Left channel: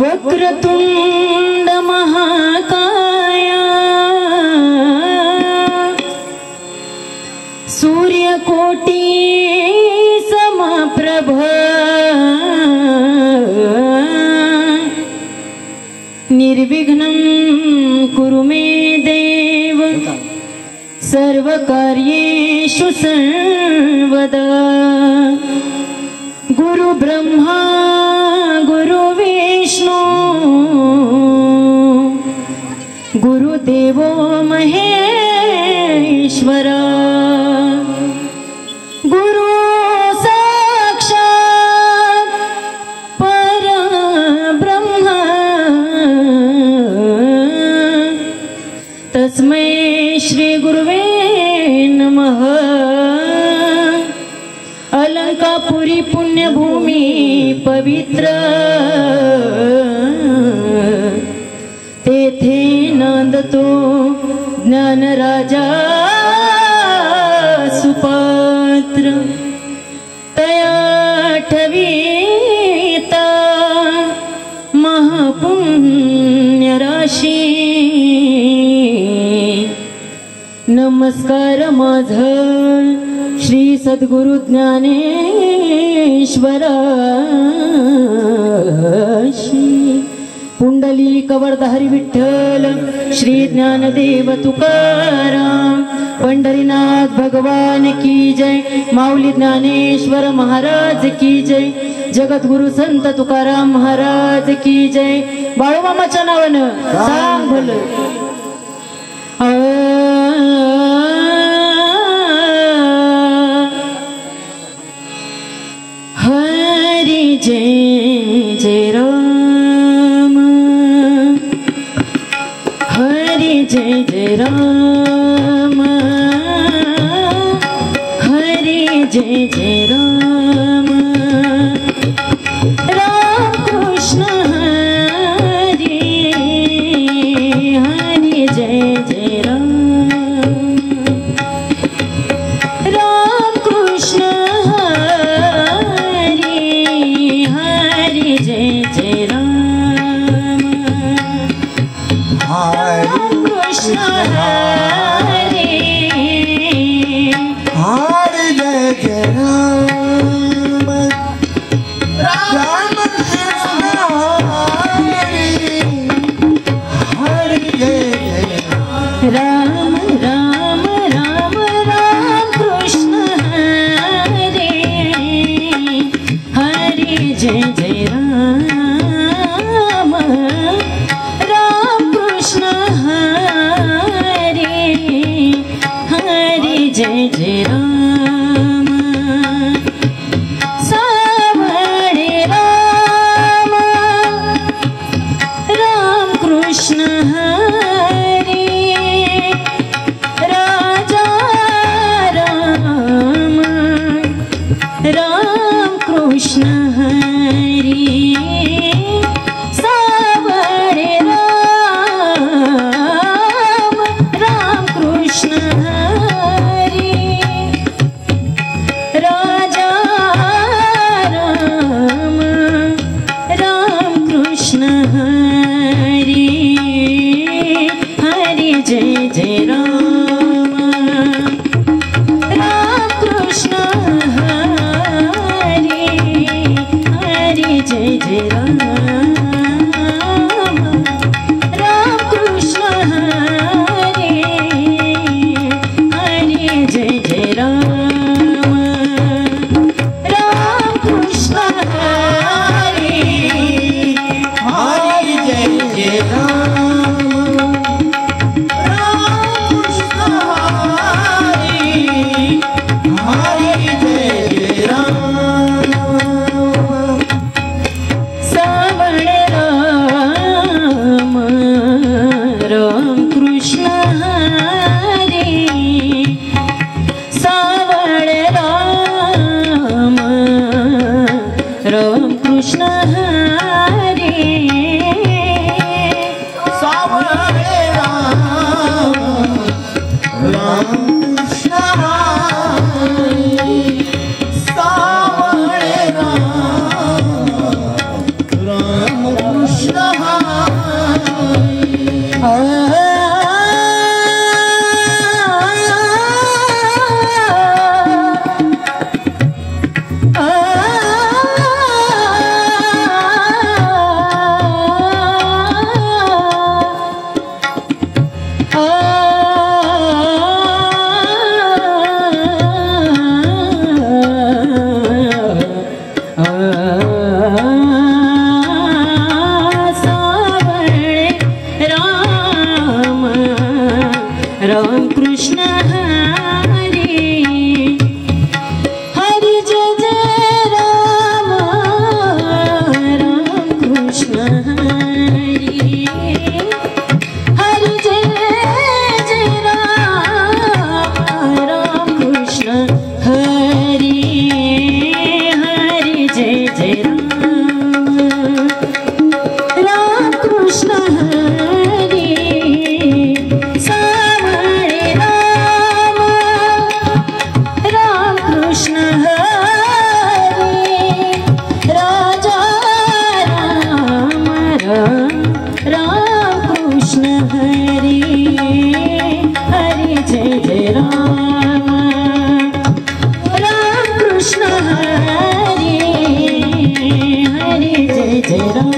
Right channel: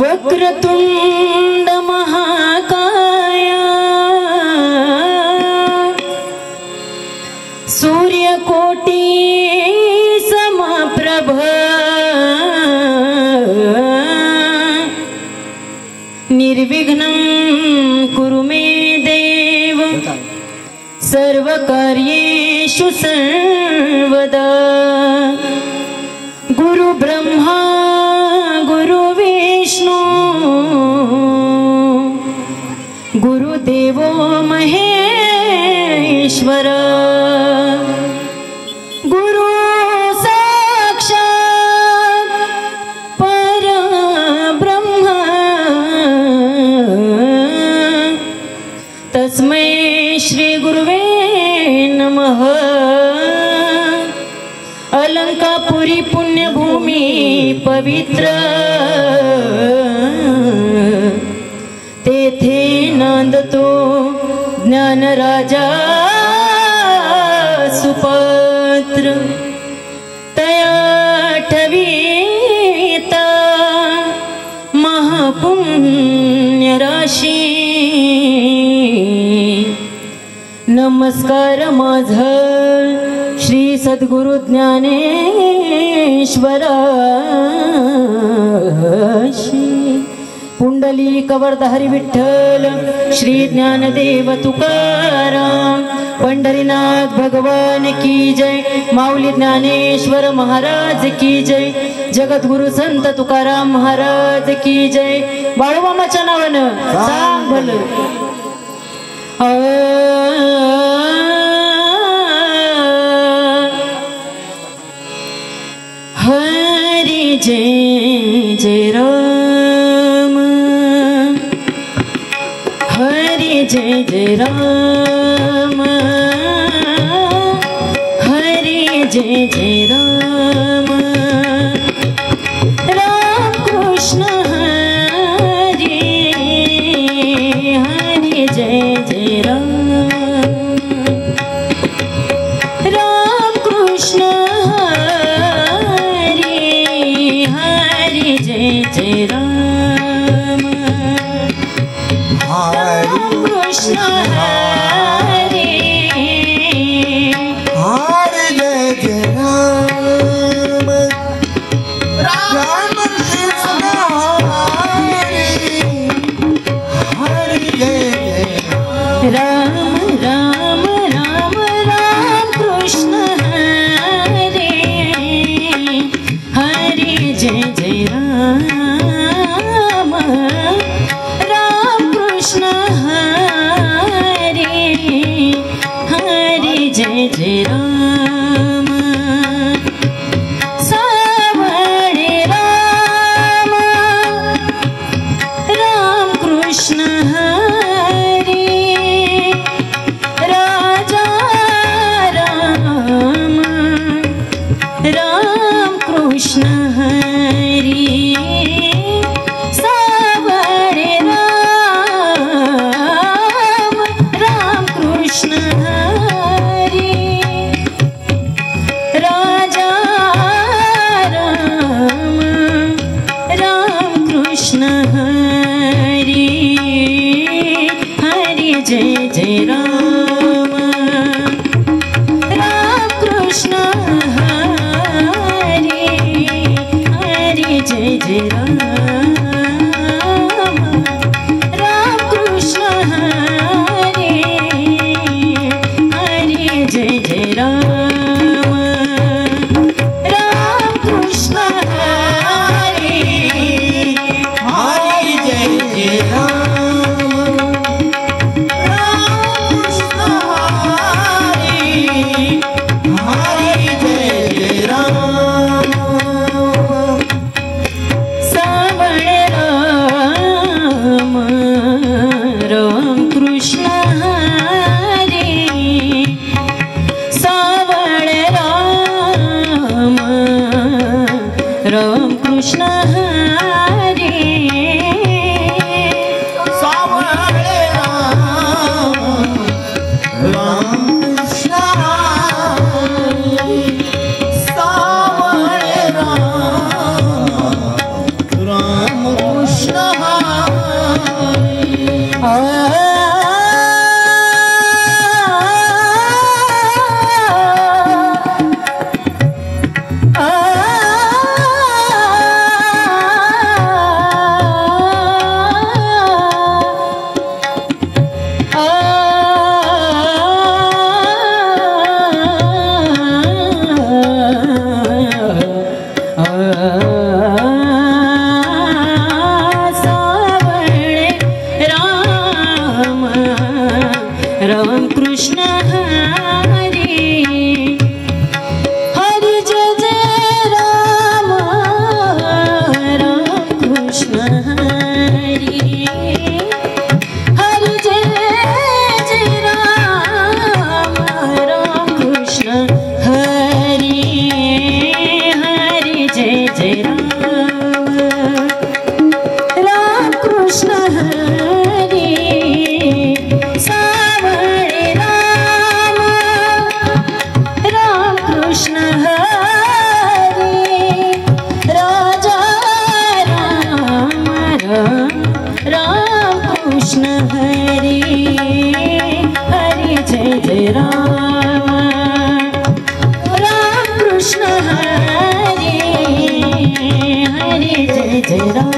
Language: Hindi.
वक्रतुंड महाकाय सूर्यकोटि समप्रभ निर्विघ्नं कुरु मे देव सर्वकार्येषु सर्वदा। गुरु ब्रह्मा गुरु गुरुदेवो महेश्वर गुरु साक्षात् परब्रह्म तस्मै श्री गुरुवे नमः। अलंकापुरी पुण्यभूमि पवित्र तेथे नांदतो ज्ञानराजा सुपात्र तया ठविता महापुण्य राशी। नमस्कार माझा श्री सद्गुरु ज्ञानेश्वराशी। पुंडलिक वरदहरी विठ्ठल श्री ज्ञानदेव तुकाराम पंढरीनाथ भगवान की जय। माऊली ज्ञानेश्वर महाराज की जय। जगद्गुरु संत तुकाराम महाराज की जय। बाळूमामाच्या नावानं सांग भलं। हरी जय जय राम हरि जय जय राम हरि जय जय राम। राम कृष्ण हरि हरि जय जय राम। राम कृष्ण हरि हरि जय जय राम। राम राम राम राम कृष्ण हरे हरि जय जय राम। राम कृष्ण हरे हरि जय जय राम। सावरे राम राम कृष्ण कृष्ण हरि सावरे राम राम कृष्ण हरि राजा राम राम कृष्ण हरि हरि जय जय राम। राम कृष्ण जय जय राम। राम कृष्ण हरे हरे जय जय राम। राम कृष्ण हरे हरे जय जय राम। राम कृष्ण हरे हरे जय जय राम। राम कृष्ण हरे हरे जय जय राम राम कृष्ण हरे हरे जय जय राम राम कृष्ण हरे हरे जय जय राम कृष्ण हरे कृष्ण हरे राजा राम राम कृष्ण हरे हरे जय जय राम राम कृष्ण हरे हरे जय जय राम।